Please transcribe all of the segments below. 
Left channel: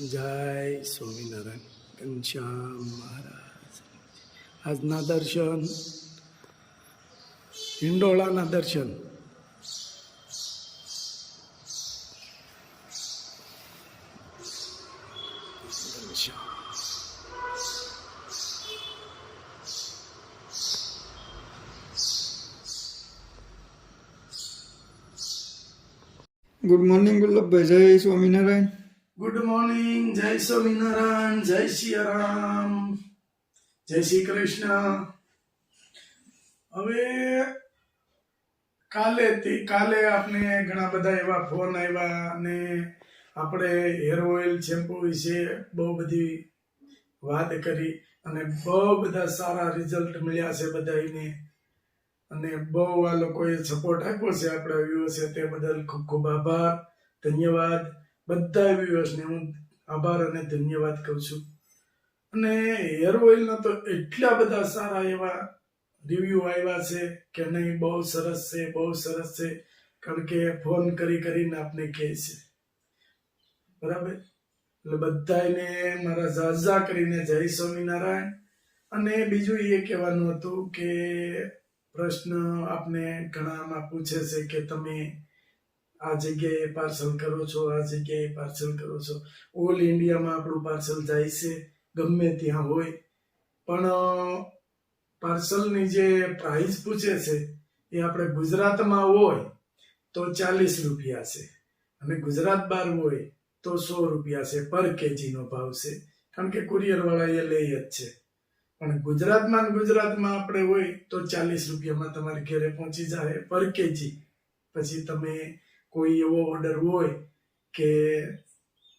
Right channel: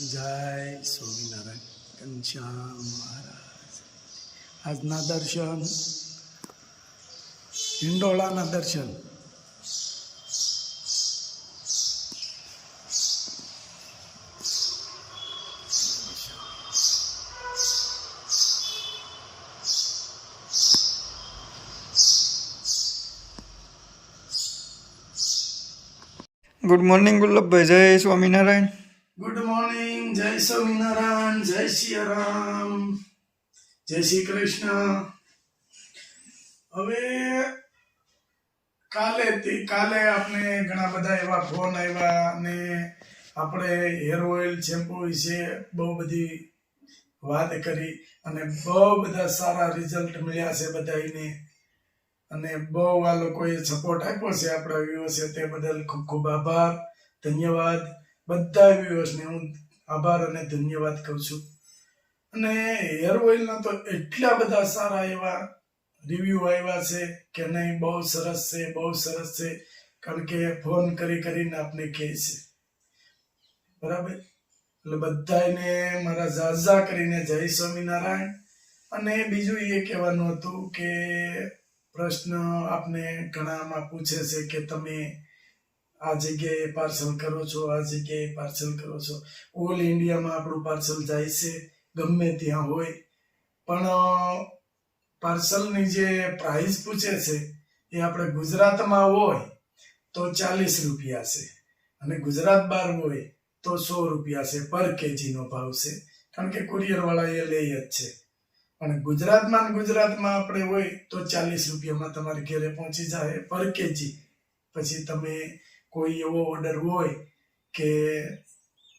જય સ્વામિનારાયણ ઘનશ્યામ મહારાજ. આજના દર્શન, હિંડોળાના દર્શન. ગુડ મોર્નિંગ ગુલ્લભભાઈ, જય સ્વામિનારાયણ. ગુડ મોર્નિંગ, જય સ્વામિનારાયણ, જય સિયારામ, જય શ્રી કૃષ્ણ. હવે કાલે આપણે ઘણા બધા એવા ફોન આવ્યા અને આપણે હેર ઓઇલ શેમ્પુ વિશે બહુ બધી વાત કરી અને બહુ બધા સારા રિઝલ્ટ મળ્યા છે બધાને. અને બહુ આ લોકોએ સપોર્ટ આપ્યો છે આપણા વ્યુઅર્સે, તે બદલ ખૂબ ખૂબ આભાર, ધન્યવાદ. બધા વ્યુઅર્સને હું આભાર અને ધન્યવાદ કહું છું. અને હેર ઓઇલના તો એટલા બધા સારા એવા રિવ્યૂ આવ્યા છે કે નહીં, બહુ સરસ છે, બહુ સરસ છે. કારણ કે ફોન કરીને આપને કહે છે, બરાબર. એટલે બધાને મારા ઝાઝા કરીને જય સ્વામિનારાયણ. અને બીજું એ કહેવાનું હતું કે પ્રશ્ન આપને ઘણામાં પૂછે છે કે તમે આ જગ્યાએ પાર્સલ કરો છો, આ જગ્યાએ પાર્સલ કરો છો. ઓલ ઇન્ડિયામાં આપણું પાર્સલ જાય છે, ગમે ત્યાં હોય. પણ પાર્સલની જે પ્રાઇસ પૂછે છે એ આપણે ગુજરાતમાં હોય તો 40 રૂપિયા છે અને ગુજરાત બહાર હોય તો 100 રૂપિયા છે. પર કેજીનો ભાવ છે, કારણ કે કુરિયરવાળા એ લે જ છે. પણ ગુજરાતમાં આપણે હોય તો 40 રૂપિયામાં તમારી ઘરે પહોંચી જાય પર કેજી. પછી તમે કોઈ એવો ઓર્ડર હોય કે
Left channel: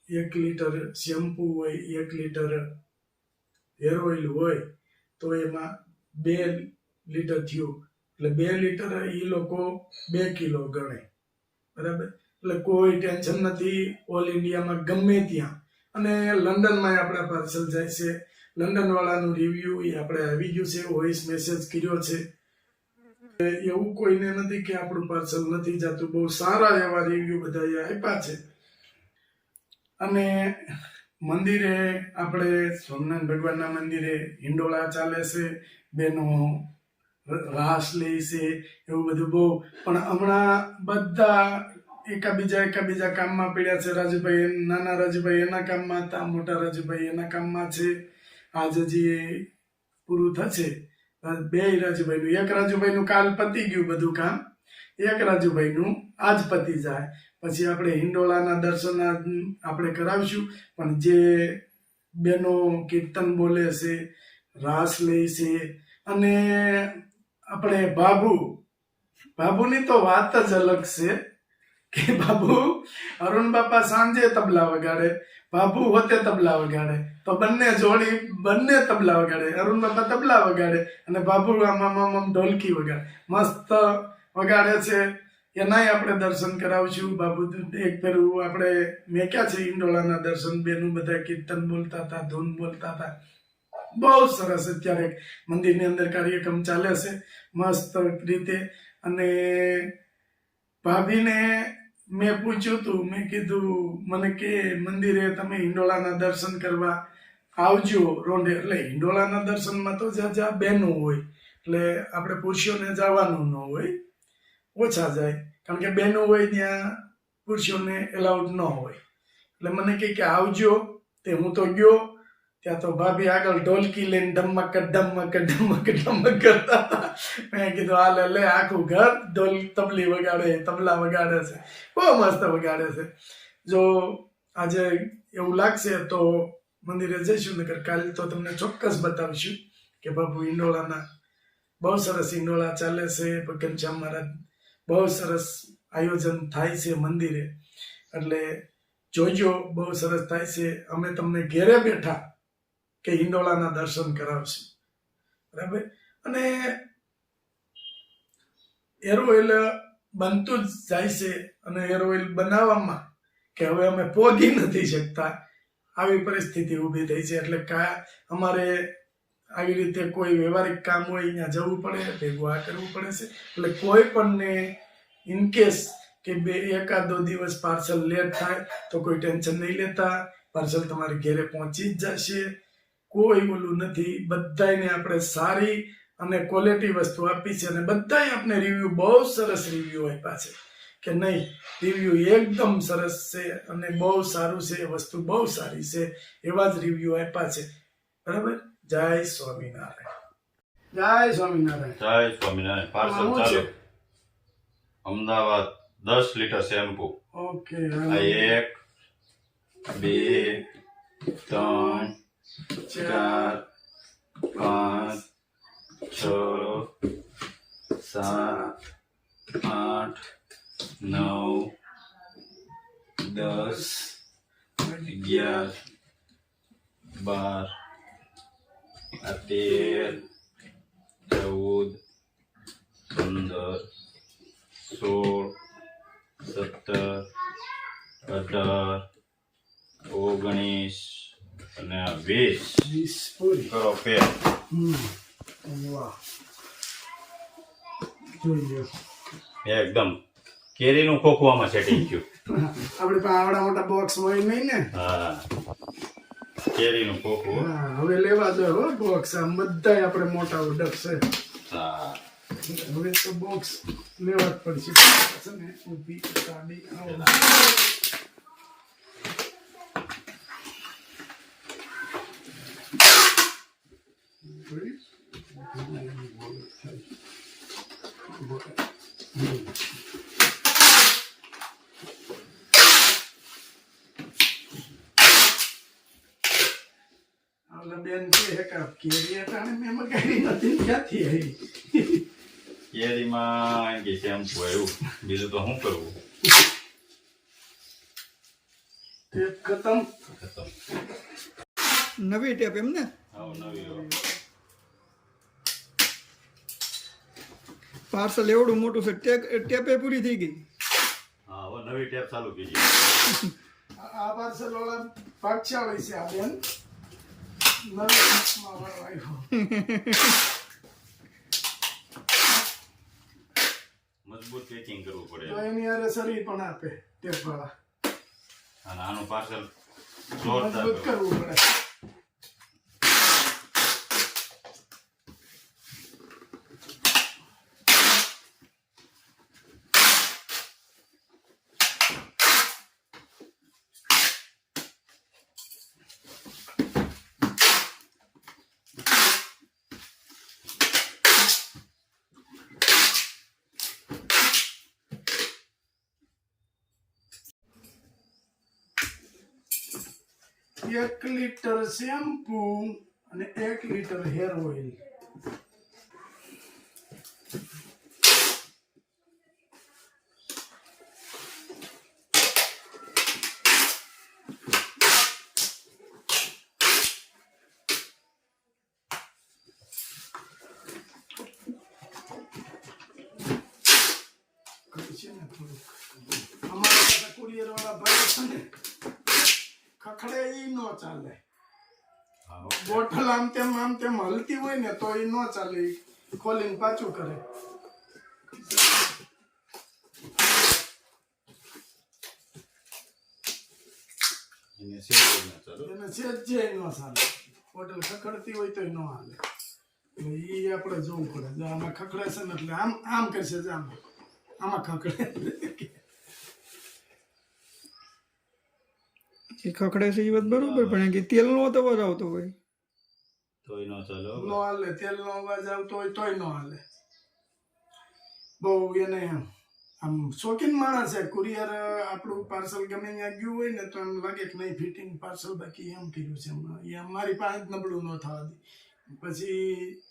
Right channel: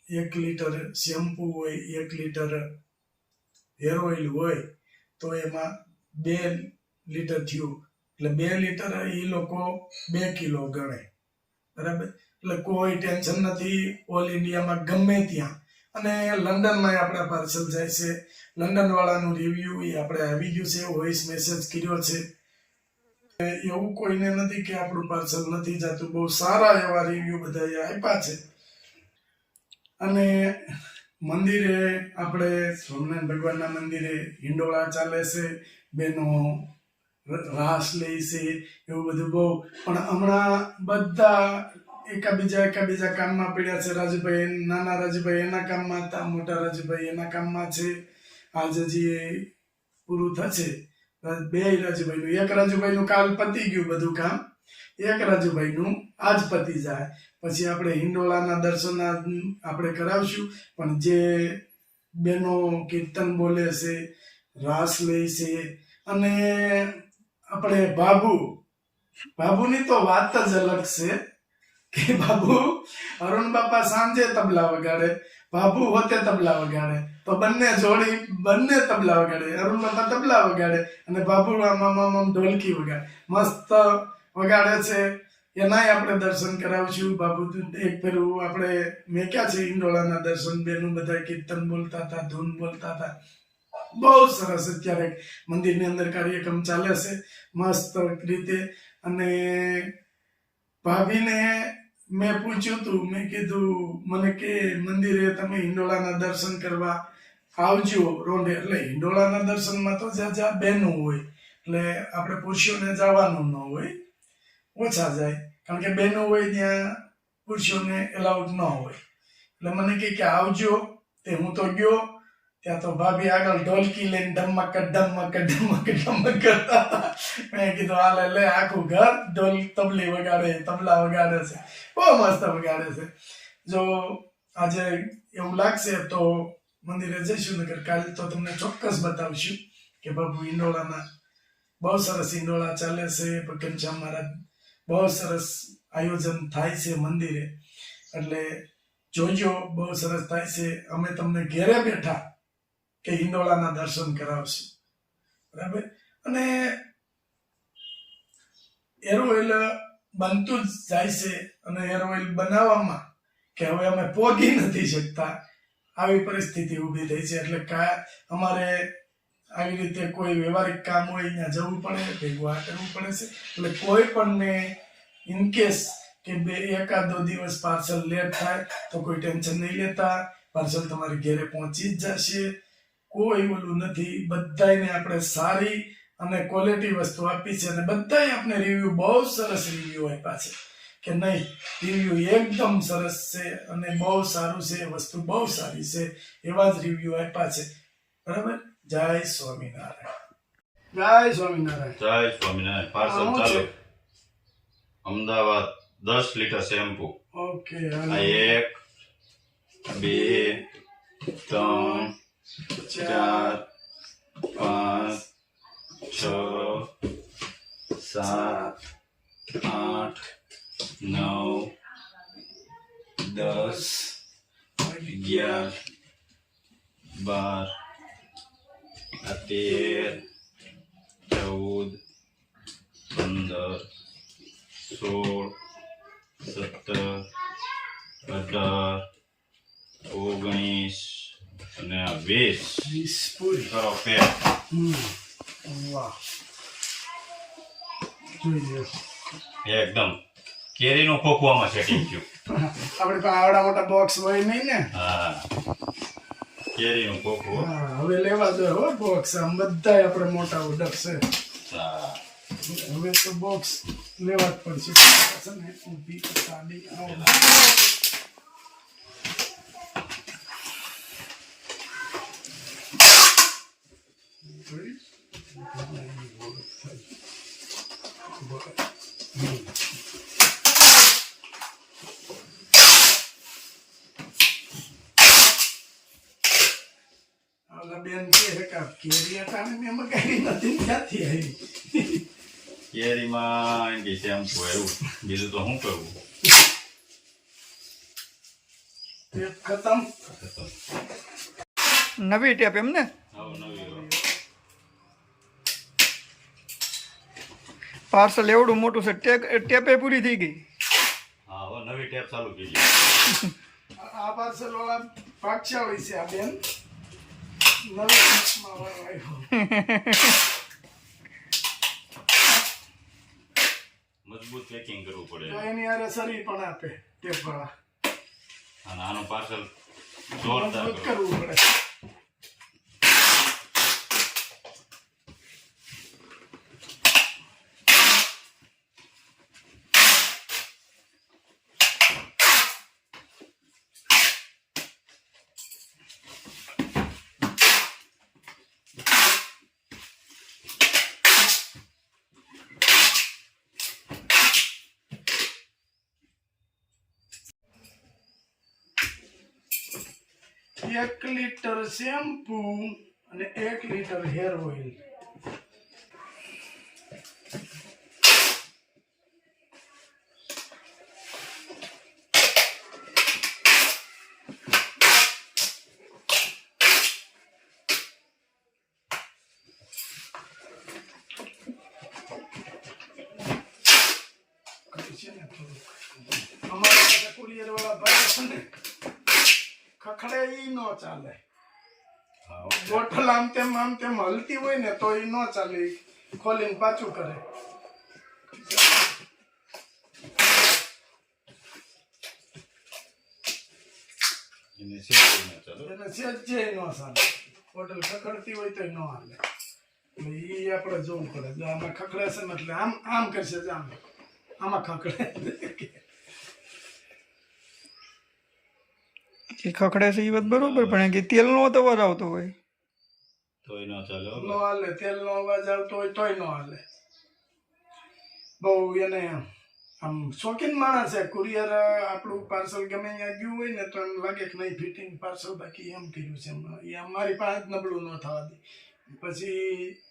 1 લીટર શેમ્પુ હોય, 1 લીટર હેર ઓઇલ હોય, તો એમાં 2 લીટર થયું એટલે 2 લીટર એ લોકો 2 કિલો ગણે, બરાબર. એટલે કોઈ ટેન્શન નથી, ઓલ ઇન્ડિયામાં ગમે ત્યાં. અને લંડનમાં આપણા પાર્સલ જાય છે. લંડન વાળાનું રિવ્યુ એ આપણે આવી ગયું છે, વોઇસ મેસેજ કર્યો છે. એવું કોઈને નથી કે આપણું પાર્સલ નથી જતું. બહુ સારા એવા રિવ્યુ બધા આપ્યા છે. અને મંદિરે આપણે સોમનાથ ભગવાનના મંદિરે હિંડોળા ચાલે છે, બેનો રાસ લે છે, એવું બધું બહુ. પણ હમણાં બધા એકાબીજા કામમાં પડ્યા છે. રાજુભાઈ, નાના રાજુભાઈ એના કામમાં હતા, મોટા રાજુભાઈ એના કામમાં છે. આજે જે પૂરું થશે, 2 રાજુભાઈનું, એક રાજુભાઈનું કાલ પતી ગયું બધું કામ, એક રાજુભાઈનું આજ પતી જાય. પછી આપણે હિંડોળાના દર્શન આપણે કરાવશું. પણ જે બેનો કીર્તન બોલે છે, રાસ લે છે, અને આપણે બાબુની તો વાત જ અલગ છે કે બાબુ, અરુણ બાપા સાંજે તબલા વગાડે, બાબુ હોતે તબલા વગાડે, તો બંને તબલા વગાડે. અરુણ બાપા તબલા વગાડે અને બાબુ આમ ઢોલકી વગાડે, મસ્ત વગાડે છે. એનાય આપણે દર્શન કરાવશું. બાબુ એક ફેરું આપણે મેક્યા છે હિંડોળાના દર્શન, બેનું બધા કીર્તન બોલતા હતા, ધૂન બોલતા હતા. બહુ સરસ અત્યારે મંદિરની અંદર કાર્યક્રમ ચાલે છે મસ્ત રીતે. અને ભાભીને મેં પૂછ્યું હતું, મેં કીધું મને કે મંદિરે તમે હિંડોળાના દર્શન કરવા આવજો રોંઢે. એટલે હિંડોળાના દર્શનમાં તો જ્યાં બહેનો હોય એટલે આપણે પુરુષોને જવાનું ન હોય, ઓછા જાય. કારણ કે બહેનો હોય ત્યાં પુરુષોને એલાઉડ ન હોય. એટલે મને કે આવજો. તે હું તો ગયો, ત્યાં તો ભાભી આગળ ઢોલકી લઈને ડમક કરતા હતા. મેં કીધું હાલે લે, આખું ઘર તબલા વગાડે છે, બહુ મસ્ત વગાડે છે. જો આજે એવું લાગશે તો મંદિરે જઈશું, નકર કાલે તો તમને ચોક્કસ બતાવીશું કે બાબુ હિંડોળાના બહુ સરસ હિંડોળા ચાલે છે. ઘનશ્યામ મહારાજ બહુ સરસ આયોજન થાય છે મંદિરે, એટલે જોજો, બહુ સરસ થાય છે. અમે તમને ઘેરે બેઠા કે હિંડોળાના દર્શન કરાવશું, બરાબર. અને હેર ઓઇલ બનતું જ જાય છે અને હેર ઓઇલ બનાવવામાં કે હવે અમે પોગી નથી શકતા, આવી પરિસ્થિતિ ઊભી થઈ છે. એટલે અમારે આવી રીતે કોઈ વ્યવહારિક કામ હોય અહીંયા જવું પડે, ભેગું આ કરવું પડે છે. એટલે કોઈ પણને ઇનકેસ કે 1-2 દિવસ પાર્સલ લેટ થાય તો કોઈ ટેન્શન નહીં લેતા. પાર્સલ તમારી ઘરે પહોંચી જ જશે. કોઈ ઓલું નથી. બધાને આપણે સારી અને ક્વોલિટી વસ્તુ આપી છે અને બધાય આપણે રિવ્યુ બહુ સરસ રિવ્યુ આપ્યા છે કે નહીં, રિવ્યુ એકદમ સરસ છે અને બહુ સારું છે, વસ્તુ બહુ સારી છે, એવા જ રિવ્યુ આપ્યા છે. બરાબર. જય સ્વામિનારાયણ. જય સ્વામિનારાયણ. જય સ્વામિનારાયણ. પાર્સલ શું ચાલુ. છે? Ahmedabad 10 litre shampoo. ઓકે. આ 1 2 3 4 5 6 7 8 9 10 11 12 આ 13 14 15 16 17 18 19 અને આ 20 વીસ પૂરી. કરો પેક. વાહ. જોઈ લો. એકદમ કેરીનું ખોખું આમાં સેટિંગ થયું. આપણી પાસે આવડા મોટા બોક્સ હોય નહીં ને. હા, કેરીનું ખોખું. હા, હવે લેવા દો હો બોક્સ. આમ બધાય આપણે મોટા ઓર્ડર છે. હા, હવે તો બોક્સ લેવા જ પડશે. છે ને ઊભી સાડી આવો. ઓલા બેન કહે કે કેરી અટાણે મેં મગાવી નથી, ક્યાંથી આવી? કેરીમાં એમ કે શેમ્પુ આવ્યું, બીજું તો શું કરવું. તે ખતમ. નવી ટેપ એમ ને? આવું નવી લો. પાર્સલ એવડું મોટું છે, ટેપે પૂરી થઈ ગઈ. હા, હવે નવી ટેપ ચાલુ કરી. આ પાર્સલ વાળા ભાગશાળી છે આ બેન. નવી ટેપમાં વાળો આવ્યો. મજબૂત પેકિંગ કરવું પડે તો એની હારે સરી પણ આપે ટેપ વાળા. અને આનું પાર્સલ જોરદાર મજબૂત કરો. કરવું પડે. એક લીટર શેમ્પુ અને 1 લીટર હેર ઓઇલ. અમારા પાસે કુરિયર વાળા ભાઈ છે ને, ખખડે ઈ નો ચાલે. હા, બોટલ આમ તેમ હલતી હોય ને તો ઈ નો ચાલે. ઈ ખોલીને પાછું કરે. એને શેમ્પુ ન ચાલુ. એને સહેજે નો ચાલે. બોટલ ખખડતી હોય તો નો હાલે. એટલે ઈ આપણે જોવું પડે. જો આમાં ખખડે છે ને એટલે આમ કરશે જ આમાં ખખડે. એ ખખડે છે એ વાત બરોબર, પણ કે તેલનો તો અવાજ આવતો હોય તોય ન ચાલે હો. નો હાલે. તેલનો અવાજ આવતો હોય તોય નો હાલે. બહુ એને આમ શોખીન માણસ છે. કુરિયર આપણું પાર્સલ ગમે ત્યાં ગયું હોય ને તો એમ લાગે કે નહીં ફિટિંગ પાર્સલ બાકી એમ કર્યું છે. એ અમારી પાસે જ નબળું ન થવા દે. પછી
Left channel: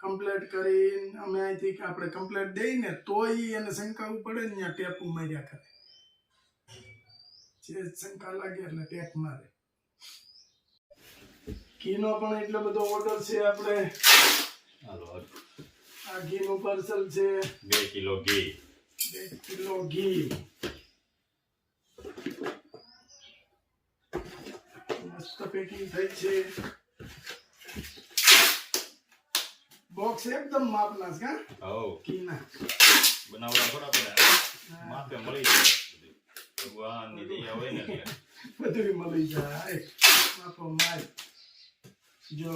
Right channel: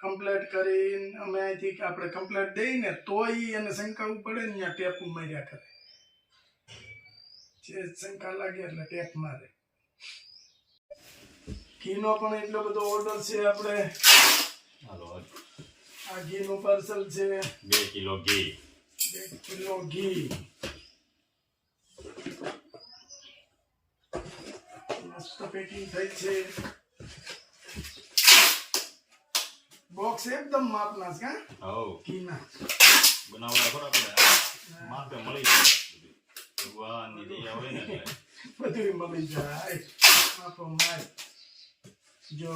કમ્પ્લેટ કરીને અમે અહીંથી આપણે કમ્પ્લેટ દઈને તોય એને શંકા પડે ને ત્યાં ટેપ માર્યા કરે. જે શંકા લાગે એટલે ટેપ મારે. ઘીનો પણ એટલો બધો ઓર્ડર છે આપણે. હાલો, આ ઘીનું પાર્સલ છે. 2 કિલો ઘી. 1 કિલો ઘી. મસ્ત પેકિંગ થઈ છે. બોક્સ એકદમ માપના છે. હો, ઘીના બનાવડા થોડા પેલા માપે મળી જાય. ભગવાનની દયા હોય ને એટલે બધું મળી જાય માપો માય જો